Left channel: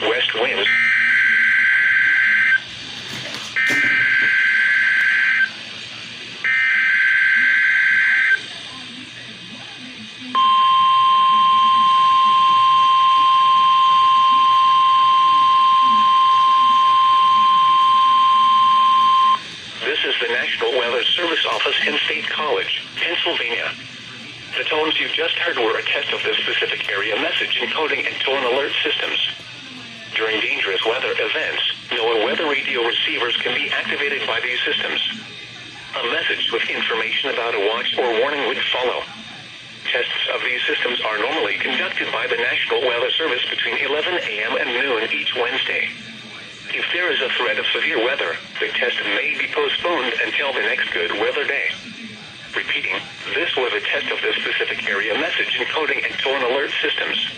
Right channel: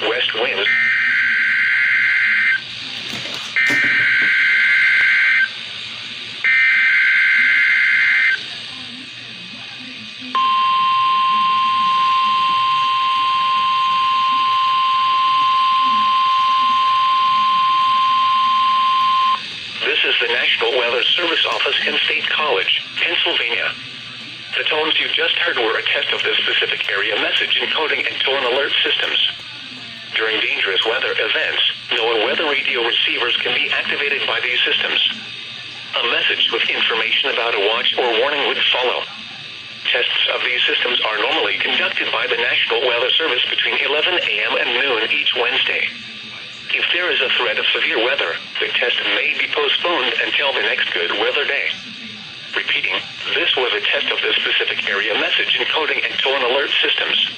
west winds. This is the National Weather Service Office in State College, Pennsylvania. The tones you just heard were a test of the specific area message encoding and tone alert systems. During dangerous weather events, NOAA weather radio receivers can be activated by these systems. A message with information about a watch or warning would follow. Tests of these systems are normally conducted by the National Weather Service between 11 a.m. and noon each Wednesday. If there is a threat of severe weather, the test may be postponed until the next good weather day. Repeating, this was a test of the specific area message encoding and tone alert systems.